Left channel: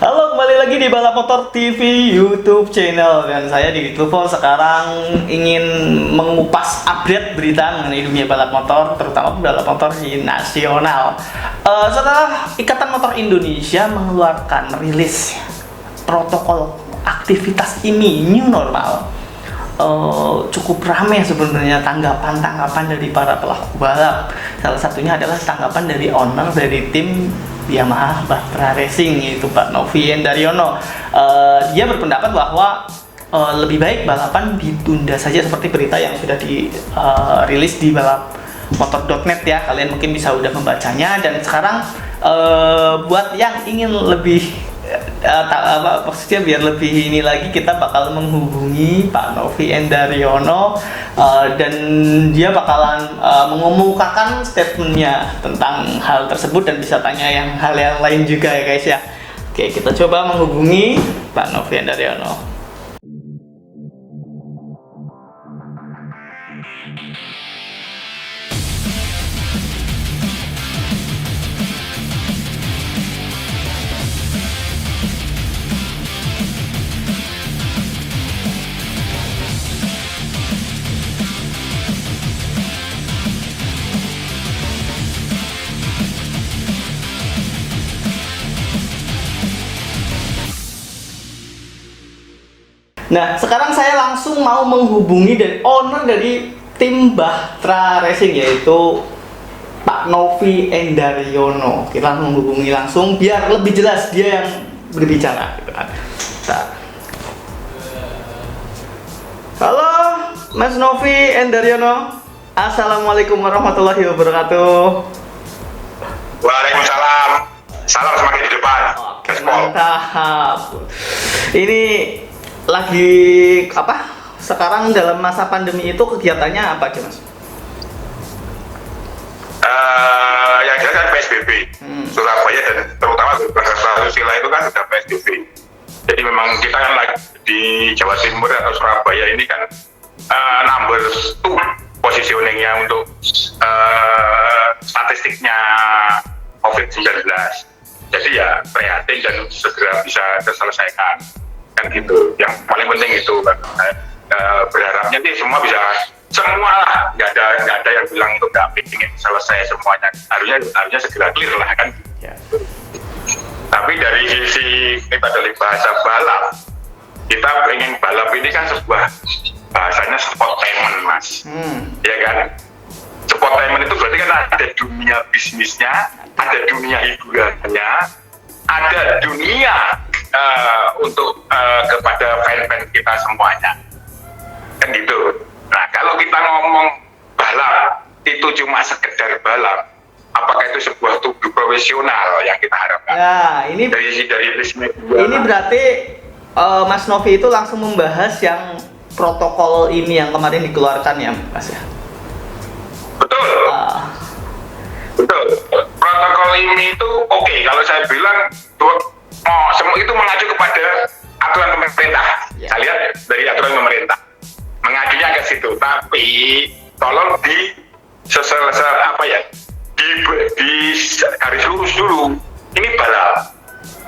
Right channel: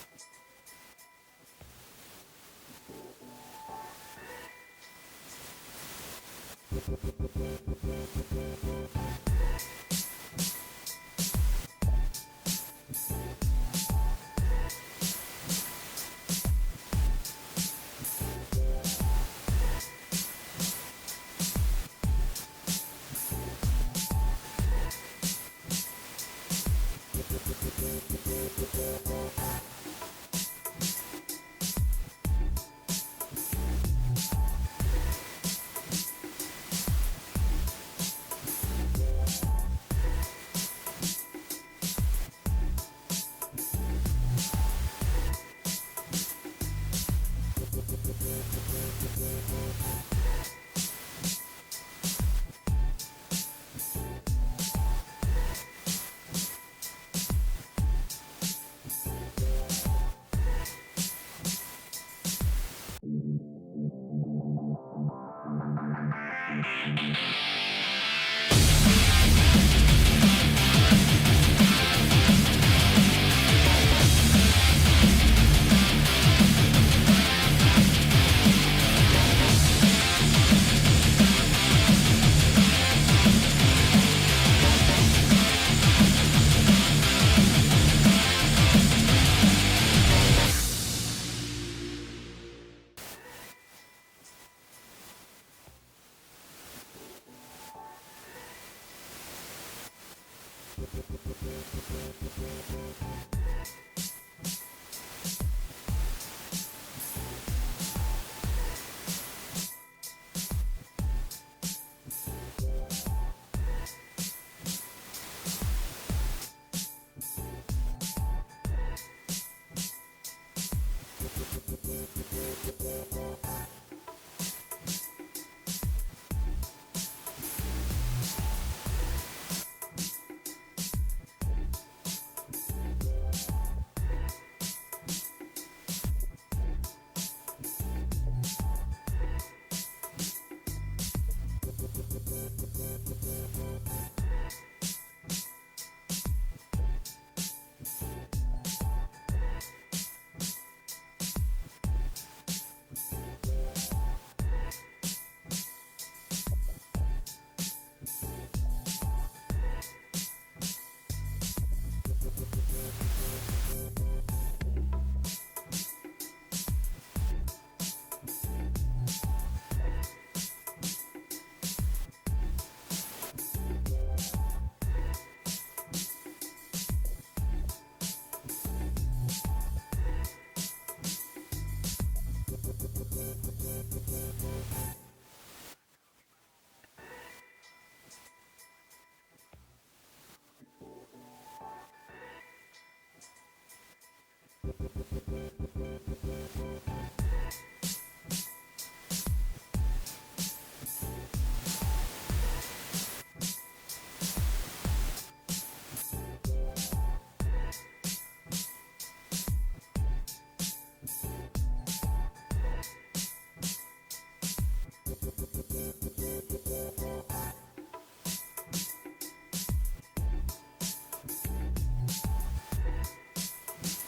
Halo, kembali lagi di Balap Motor TV YouTube channel. Dan saya di Lufo sekarang ingin mengupas update berita mengenai dunia balap motor, terutama balap motor di nasional. Setelah Ikatan Motor Indonesia mengeluarkan rilis protokol aktivitas ini new normal, cukup ramai sebenarnya tanggapan dari para pelaku balap. Salah satunya adalah tanggapan dari owner dari tim Yamaha Batra Racing, yaitu Pak Novi Endaryono. Dia berpendapat bahwa lebih baik balapan ditunda saja, seperti berita yang sudah dirilis di balapmotor.net ya. Kalian mungkin bisa udah membacanya. Dan sekarang buat yang ingin lebih maksudnya biar lebih ini lagi, kita bakal menghubungi Pak Novi Endaryono dan dia bakalan mengemukakan statementnya tentang hal tersebut, dan bisa tanya hal yang lain juga ya guys ya. Oke, kita coba menghubungi Pak Novi Endaryono. Nah, sekarang saya langsung mau menghubungi dan owner dari tim Batra Racing, yaitu Pak Novi Endaryono. Kita menghubungi langsung biar lebih jelas dia yang berbicara gitu kan. Halo, Mas Novi Endaryono. Assalamualaikum warahmatullahi wabarakatuh. Waalaikumsalam. Salam semakin di depan. Oke, mantap. Ini lagi apa? Sekarang dalam masa pandemi itu kegiatannya apa sih, Mas? Yang jelas kan PSBB. Surabaya dan terutama Susila itu kan sudah PSBB. Jadi memang kita kan lagi di Jawa Timur atau Surabaya ini kan number 2 positioningnya untuk statistiknya COVID-19. Jadi ya prihatin dan segera bisa terselesaikan. Kan gitu, yang paling penting itu berharapnya sih semua lah, nggak ada yang bilang itu nggak ingin selesai semuanya, harusnya segera clear lah kan ya. Tapi dari sisi kita dari bahasa balap, kita ingin balap ini kan sebuah bahasanya sportainment, Mas. Ya kan, sportainment itu berarti kan ada dunia bisnisnya, ada dunia hiburannya, ada dunia untuk kepada fan-fan kita semuanya, kan gitu. Nah, kalau kita ngomong balap itu cuma sekedar balap, apakah itu sebuah tubuh profesional yang kita harapkan? Ya, ini berarti Mas Novi itu langsung membahas yang protokol ini yang kemarin dikeluarkan ya, Mas ya? Betul. Betul. Protokol ini itu oke. Kalau saya bilang semua itu mengacu kepada aturan pemerintah. Saya lihat dari aturan pemerintah mengacunya ke situ. Tapi tolong di garis lurus dulu. Ini balap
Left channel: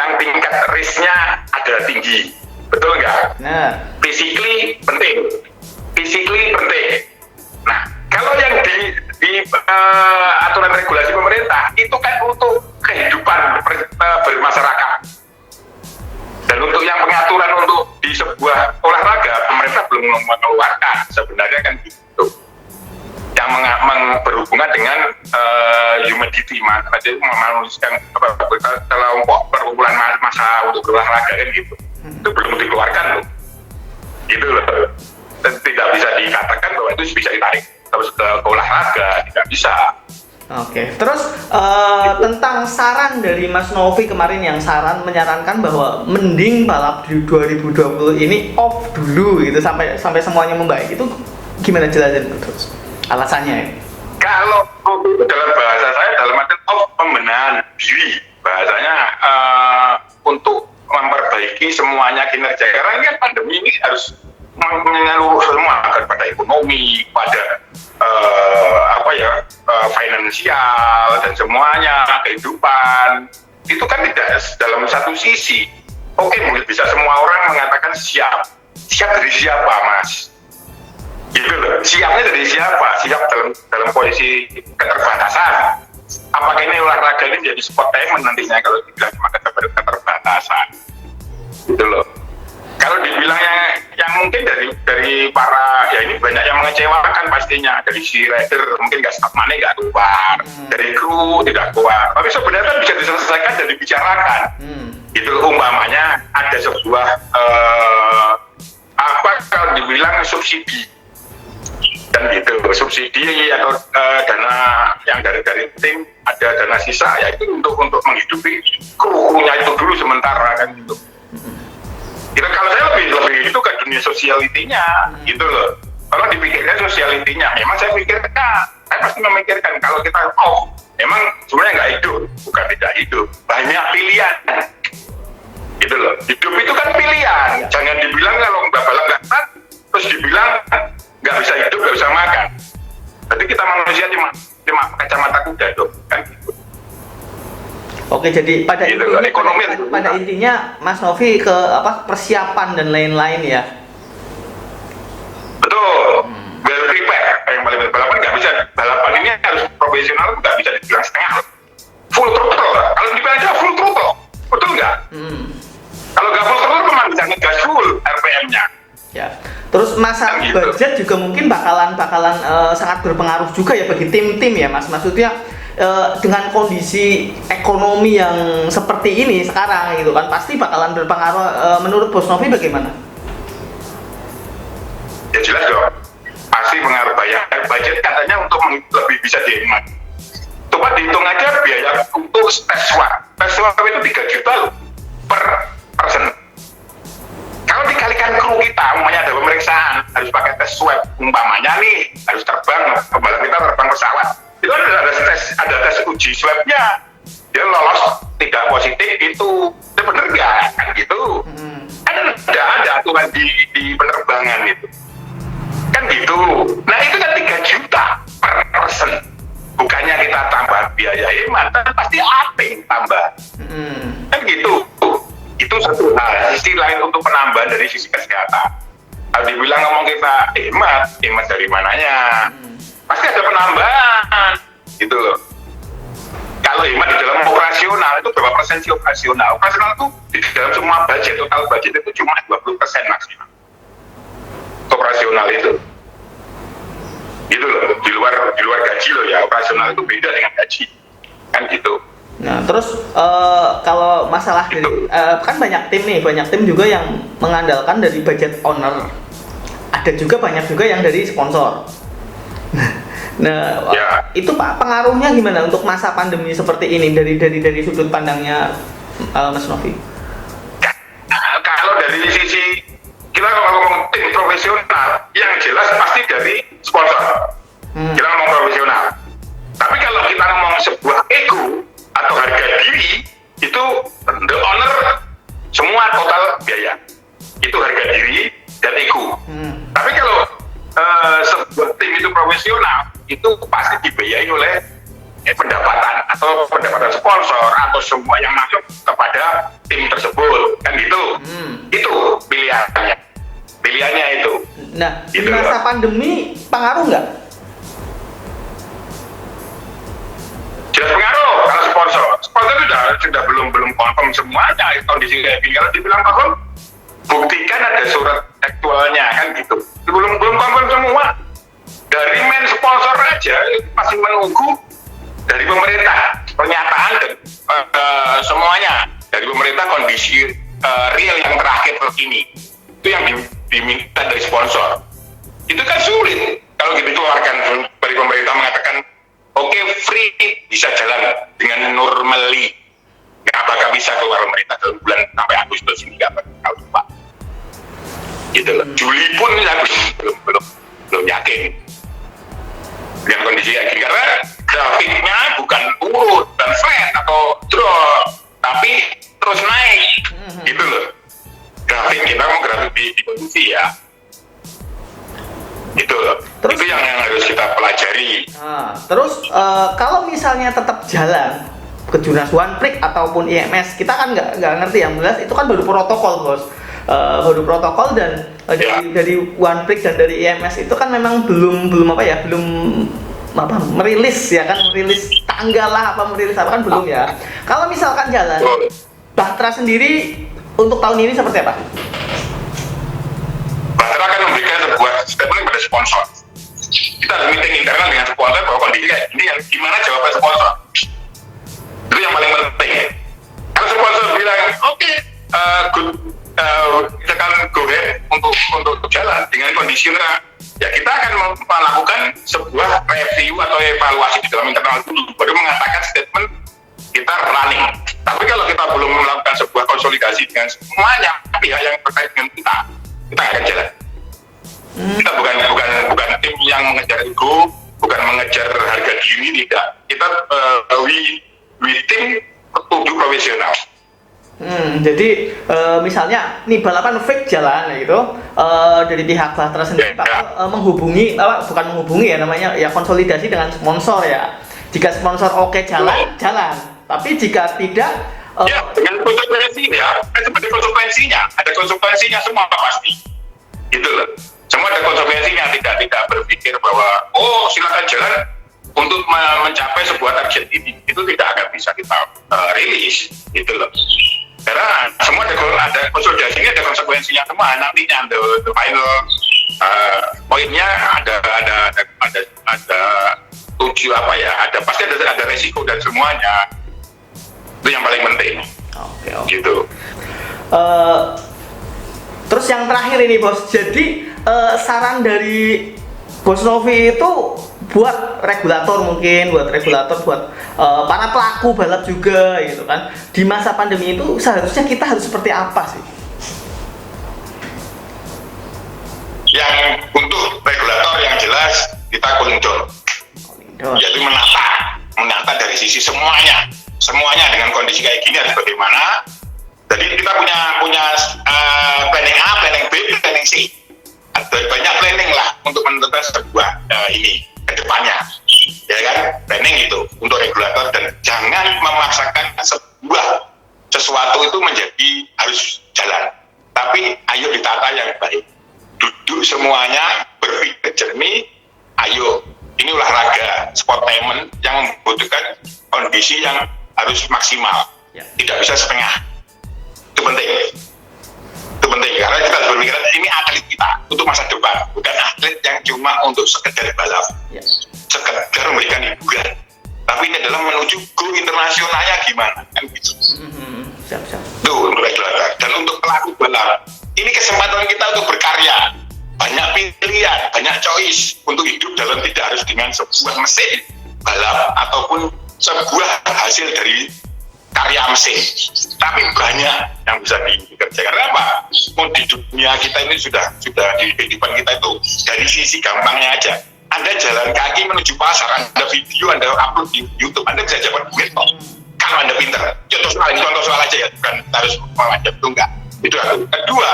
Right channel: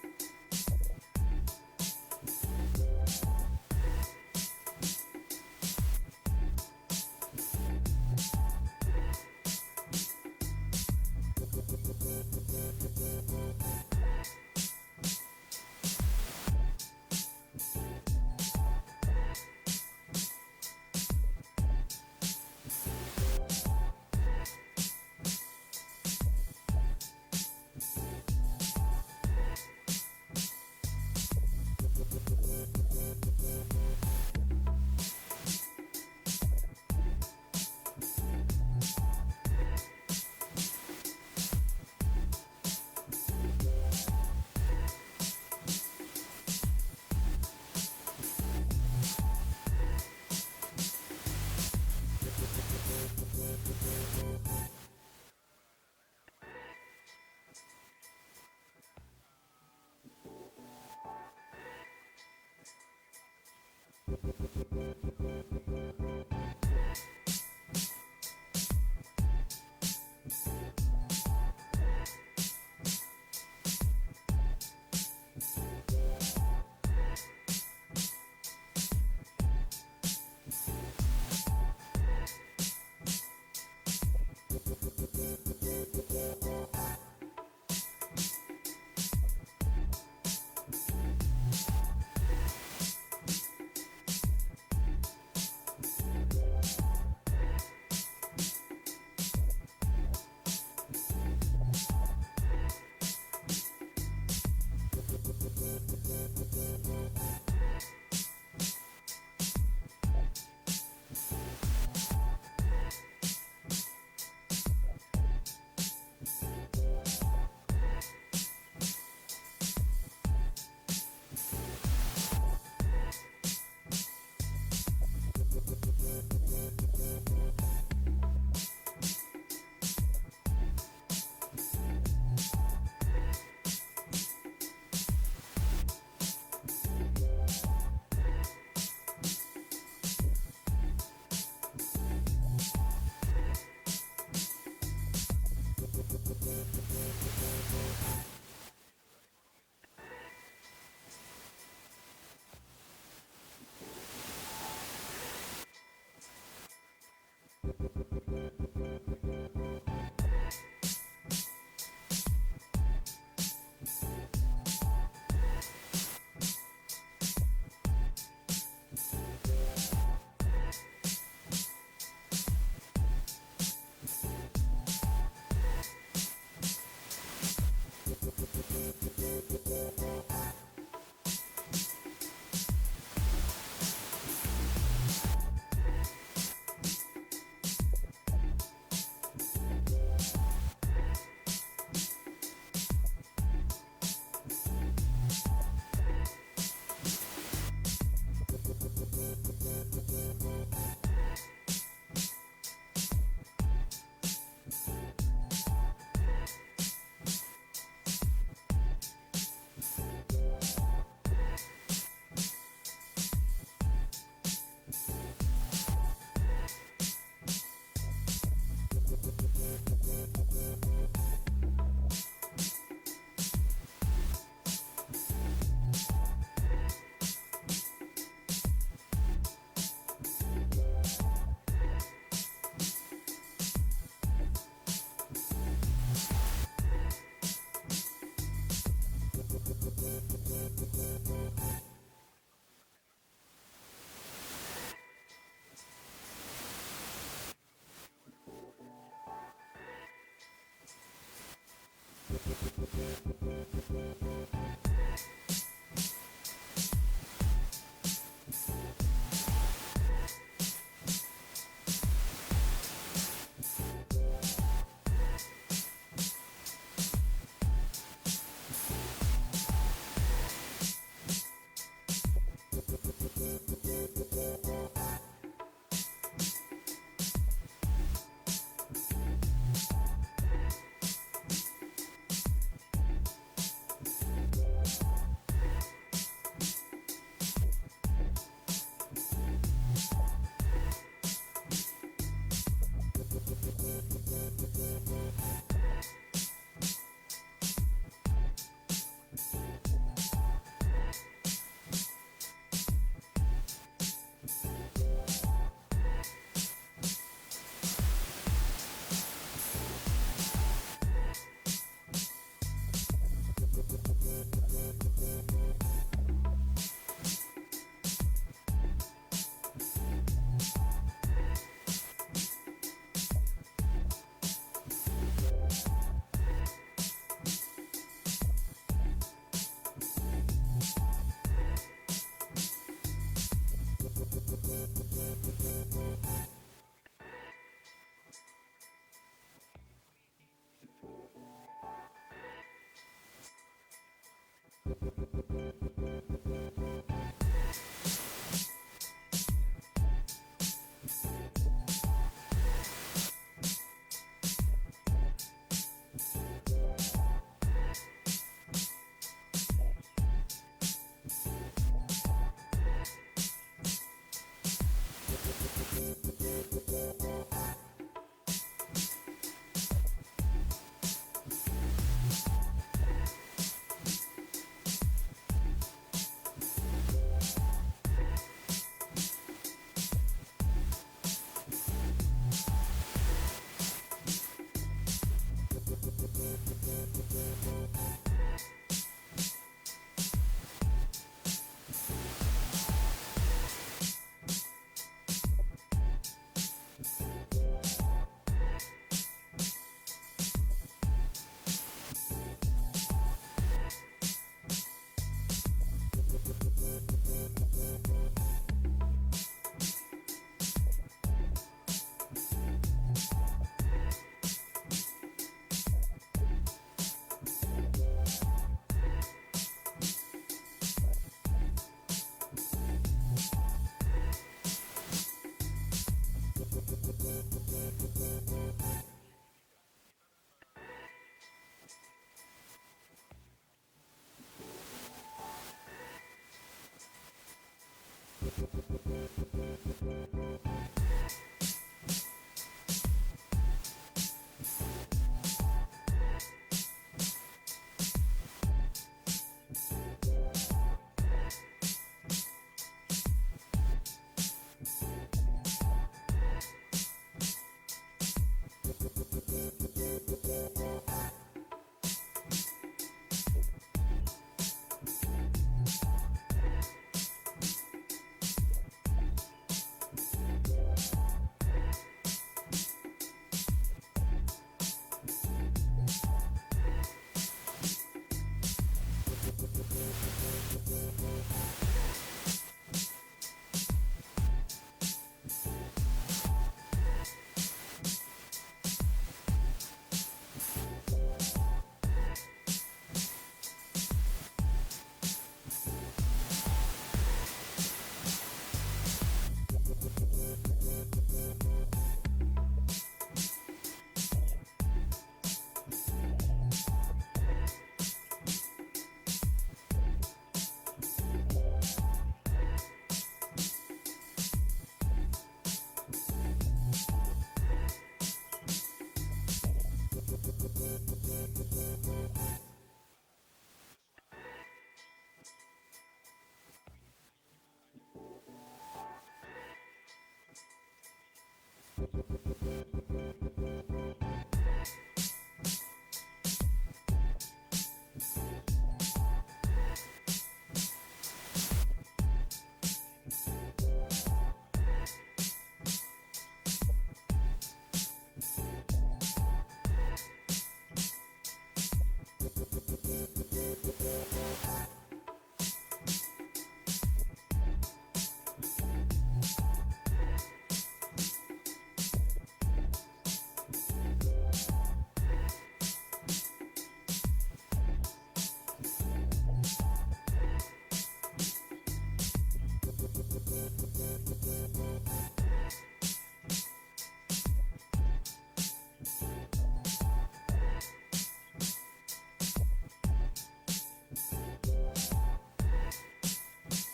yang tingkat risknya adalah tinggi, betul nggak? Nah, physically penting. Nah, kalau yang di aturan regulasi pemerintah itu kan untuk kehidupan bermasyarakat. Dan untuk yang pengaturan untuk di sebuah olahraga, pemerintah belum mengeluarkan sebenarnya kan gitu. Yang berhubungan dengan humidity, jadi memanusiakan kelompok perkumpulan massa untuk berolahraga kan gitu. Itu belum dikeluarkan loh. Gitu loh. Dan tidak bisa dikatakan bahwa itu bisa ditarik terus ke olahraga, tidak bisa. Oke, terus tentang saran dari Mas Novi kemarin yang menyarankan bahwa mending balap di 2020 ini off dulu gitu sampai semuanya membaik, itu gimana jelasin terus alasannya ya? Kalau dalam bahasa saya dalam arti off pembenahan diri, bahasanya untuk memperbaiki semuanya kinerja, karena ini kan pandemi ini harus menyeluruh semua kepada ekonomi, pada finansial dan semuanya kehidupan. Itu kan tidak dalam satu sisi, oke mungkin bisa semua orang mengatakan siap dari siapa mas? Gitu loh, siapnya dari siapa? Siap dalam posisi keterbatasan. Apakah ini olahraga ini jadi sportainment nantinya kalau dibilang cuma keterbatasan? Gitu loh. Kalau dibilang yang mungkin dari para, ya ini banyak yang mengecewakan pastinya. Dari si rider mungkin nggak stop money nggak keluar, dari kru tidak keluar. Tapi sebenarnya kan bisa diselesaikan dan dibicarakan. Itu umpamanya ada sebuah apa kalau dibilang subsidi dan gitu, subsidi atau dana yang dari tim, ada dana sisa ya itu untuk menghidupi krunya itu dulu sementara kan gitu. Itu kalau saya lebih itu ke dunia sosialitinya gitu loh. Kalau dipikirkan sosialitinya, memang saya pikirkan, saya pasti memikirkan kalau kita memang sebenarnya nggak hidup, bukan tidak hidup, banyak pilihan. Gitu loh. Hidup itu kan pilihan. Jangan dibilang kalau balap nggak taat, terus dibilang nggak bisa hidup, nggak bisa makan. Berarti kita manusia cuma kacamata kuda dong, kan gitu. Oke, jadi pada gitu, intinya, pada intinya Mas Novi ke persiapan dan lain-lain ya. Betul. Well prepare yang paling penting. Balapan ini harus profesional, nggak bisa dibilang setengah. Full throttle. Kalau dibilang aja full throttle, betul nggak? Kalau nggak full throttle memang bisa ngegas full RPM-nya. Ya. Terus masalah gitu. budget juga mungkin bakalan sangat berpengaruh juga ya bagi tim-tim ya Mas. Maksudnya dengan kondisi ekonomi yang seperti ini sekarang gitu kan pasti bakalan berpengaruh. Menurut Bos Novi bagaimana? Ya jelas dong, pasti pengaruh bayar. Budget katanya untuk lebih bisa dihemat. Coba dihitung aja biaya untuk tes swab. Tes swab itu 3 juta loh per person. Kalau dikalikan kru kita, umpamanya ada pemeriksaan, harus pakai tes swab. Umpamanya nih, harus terbang, pembalap kita terbang pesawat. Itu ada tes uji swabnya. Dia lolos tidak positif itu bener nggak? Kan gitu. Kan ada aturan di penerbangan itu. Kan gitu. Nah itu kan 3 juta per person. Bukannya kita tambah biaya hemat, pasti aping tambah. Kan gitu. Itu satu hal. Sisi lain untuk penambahan dari sisi kesehatan. Kalau dibilang ngomong kita hemat dari mananya? Pasti ada penambahan. Gitu loh. Kalau hemat di dalam operasional itu berapa persen sih operasional? Operasional itu di dalam semua budget, total budget itu cuma 20% maksimal. Operasional itu. Gitu loh, di luar gaji loh ya, operasional itu beda dengan gaji. Kan gitu. Nah, terus kalau masalah dari kan banyak tim juga yang mengandalkan dari budget owner. Ada juga banyak juga yang dari sponsor. Nah, ya. Itu Pak pengaruhnya gimana untuk masa pandemi seperti ini dari sudut pandangnya Mas Novi? Kalau dari sisi kita ngomong tim profesional, yang jelas pasti dari sponsor. Kita ngomong profesional. Tapi kalau kita ngomong sebuah ego atau harga diri, itu the owner semua total biaya. Itu harga diri dan ego. Tapi kalau sebuah tim itu profesional, itu pasti dibiayai oleh pendapatan atau pendapatan sponsor atau semua yang masuk kepada tim tersebut, kan gitu. Itu pilihannya itu. Nah, gitu di masa pandemi pengaruh nggak? Jelas pengaruh. Kalau sponsor sudah belum confirm semuanya kondisi kayak gini. Kalau dibilang confirm, buktikan ada surat aktualnya, kan gitu. Belum confirm semua. Dari main sponsor aja masih menunggu dari pemerintah pernyataan dan semuanya dari pemerintah kondisi real yang terakhir terkini itu yang diminta dari sponsor. Itu kan sulit kalau gitu keluarkan dari pemerintah mengatakan oke, free bisa jalan dengan normally. Apakah bisa keluar pemerintah dalam bulan sampai Agustus ini nggak tahu Pak. Gitu loh. Juli pun belum yakin dengan kondisi kayak gini karena grafiknya bukan urut dan flat atau drop tapi terus naik gitu loh. Grafik kita mau grafik di kondisi ya gitu loh. Terus, itu yang harus kita pelajari. Terus kalau misalnya tetap jalan Kejurnas One Prix ataupun IMS, kita kan nggak ngerti ya, jelas itu kan baru protokol bos. Baru protokol dan dari One Prix dan dari IMS itu kan memang belum merilis ya kan, merilis tanggal lah apa merilis apa kan belum ya. Kalau misalkan jalan, Bahtera sendiri untuk tahun ini seperti apa? Bahtera akan memberikan sebuah statement kepada sponsor. Kita ada meeting internal dengan sponsor bahwa kondisi kayak ini, yang gimana jawaban sponsor. Itu yang paling penting. Kalau sponsor bilang oke, good, kita akan go ahead untuk jalan dengan kondisi ya kita akan melakukan sebuah review atau evaluasi di dalam internal dulu, baru mengatakan statement kita running. Tapi kalau kita belum melakukan sebuah konsolidasi dengan semuanya pihak yang terkait dengan kita akan jalan. Kita bukan tim yang mengejar ego, bukan mengejar harga diri, tidak. Kita we tim petunjuk profesional. Jadi misalnya nih balapan fake jalan gitu, dari pihak Bahtera sendiri menghubungi, bukan menghubungi ya namanya ya, konsolidasi dengan sponsor ya. Jika sponsor oke jalan, tapi jika tidak ya dengan konsekuensi ya, seperti konsekuensinya, ada konsekuensinya semua pasti. Gitu loh. Semua ada konsekuensinya, tidak berpikir bahwa silakan jalan untuk mencapai sebuah target ini, itu tidak akan bisa kita rilis, gitu loh. Karena semua ada konsolidasinya, ada konsekuensinya semua. Nantinya the final poinnya ada tujuh apa ya, pasti ada resiko dan semuanya. Itu yang paling penting. Oke. Gitu. Terus yang terakhir ini bos, jadi saran dari Bos Novi itu buat regulator buat para pelaku balap juga gitu kan, di masa pandemi itu seharusnya kita harus seperti apa sih? Yang untuk regulator yang jelas kita cooling down, yaitu menata dari sisi semuanya dengan kondisi kayak gini harus bagaimana. Jadi kita punya planning A, planning B, planning C. Ada banyak planning lah untuk menentukan sebuah ini ke depannya, ya kan? Planning itu untuk regulator, dan jangan memaksakan sesuatu itu menjadi harus jalan. Tapi ayo ditata yang baik. Duduk semuanya, berpikir jernih. Ayo, ini olahraga, sportainment yang membutuhkan kondisi yang harus maksimal, tidak bisa setengah. Itu penting karena kita harus berpikiran ini atlet kita untuk masa depan, bukan atlet yang cuma untuk sekedar balap, sekedar memberikan hiburan, tapi ini adalah menuju go internasionalnya gimana kan gitu. Siap. Tuh untuk regulator dan untuk pelaku balap, ini kesempatan kita untuk berkarya, banyak pilihan, banyak choice untuk hidup dalam tidak harus dengan sebuah mesin balap ataupun sebuah hasil dari karya mesin, tapi banyak yang bisa dikerjakan. Karena apa? Di dunia kita ini sudah di kehidupan kita itu dari sisi gampangnya aja. Anda jalan kaki menuju pasar, Anda video, Anda upload di YouTube, Anda bisa dapat duit kok. Kalau Anda pintar. Contoh soal aja ya, bukan harus mewajib itu enggak. Itu satu. Kedua,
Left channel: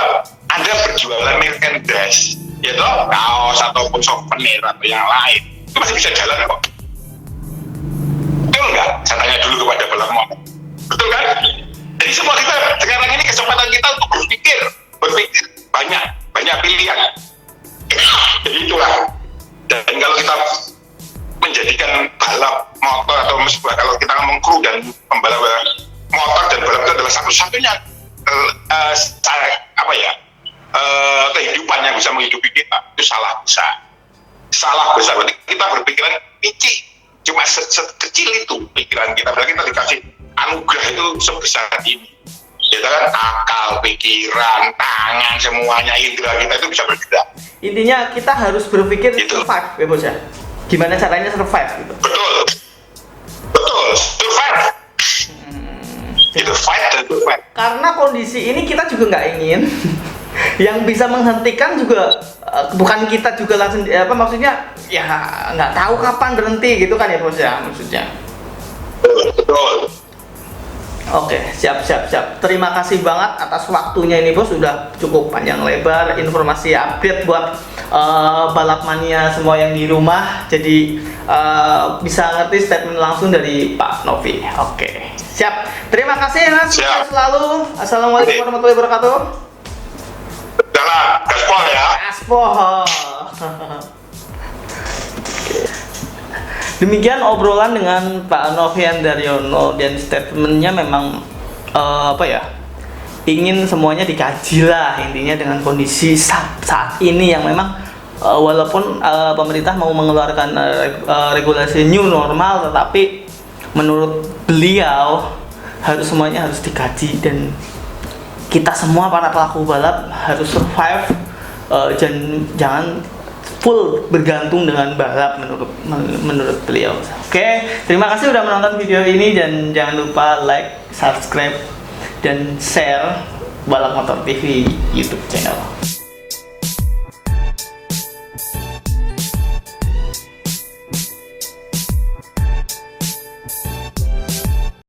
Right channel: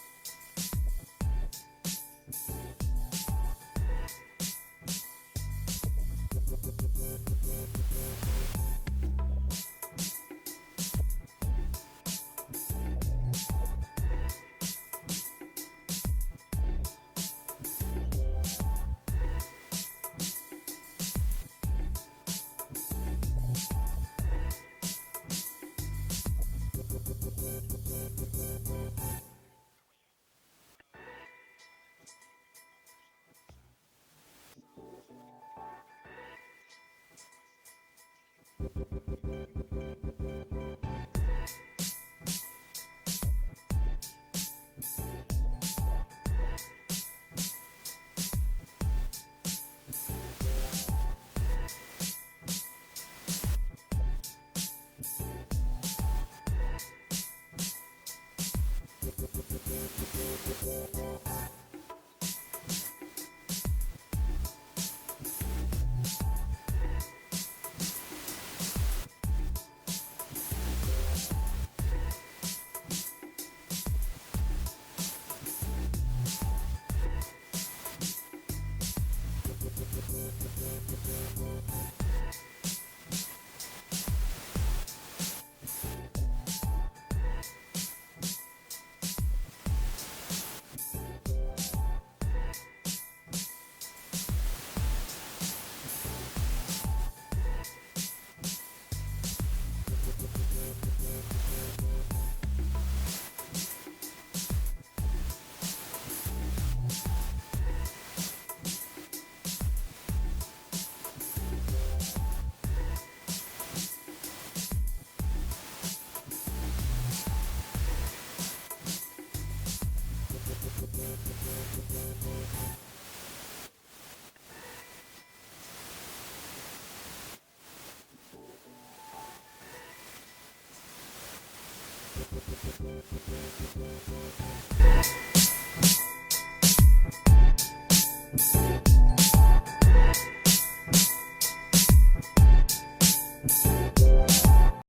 Anda berjualan merchandise, yaitu kaos ataupun souvenir atau yang lain, itu masih bisa jalan kok. Betul nggak? Saya tanya dulu kepada balap motor. Betul kan? Jadi semua kita sekarang ini kesempatan kita untuk berpikir banyak pilihan. Jadi itulah. Dan kalau kita menjadikan balap motor atau kalau kita ngomong kru dan pembalap motor dan balap itu adalah satu-satunya kehidupan yang bisa menghidupi kita, itu salah besar. Berarti kita berpikiran kecil. Cuma sekecil itu pikiran kita, berarti kita dikasih anugerah itu sebesar ini. Kita kan akal, pikiran, tangan, semuanya indera kita itu bisa bergerak. Intinya kita harus berpikir gitu. Survive, ya bos ya. Gimana caranya survive gitu. Betul, survive. Itu fight dan survive. Karena kondisi ini kita juga nggak ingin. Yang bisa menghentikan juga bukan kita juga langsung maksudnya ya nggak tahu kapan berhenti gitu kan ya bos ya, maksudnya. Betul. Oke, siap. Terima kasih banget atas waktunya ini bos, sudah cukup panjang lebar informasi update buat balap mania semua yang di rumah. Jadi bisa ngerti statement langsung dari Pak Novi. Oke, siap. Terima kasih Mas. Siap. Selalu. Assalamualaikum warahmatullahi wabarakatuh. Jalan, gaspol ya. Aspol. Demikian obrolan dengan Pak Novian Daryono, dan statementnya memang ingin semuanya dikaji lah intinya dengan kondisi saat ini yang memang walaupun pemerintah mau mengeluarkan regulasi new normal, tetapi menurut beliau semuanya harus dikaji, dan kita semua para pelaku balap harus survive, jangan full bergantung dengan balap menurut beliau. Oke, terima kasih sudah menonton video ini, dan jangan lupa like, subscribe, dan share Balap Motor TV YouTube channel.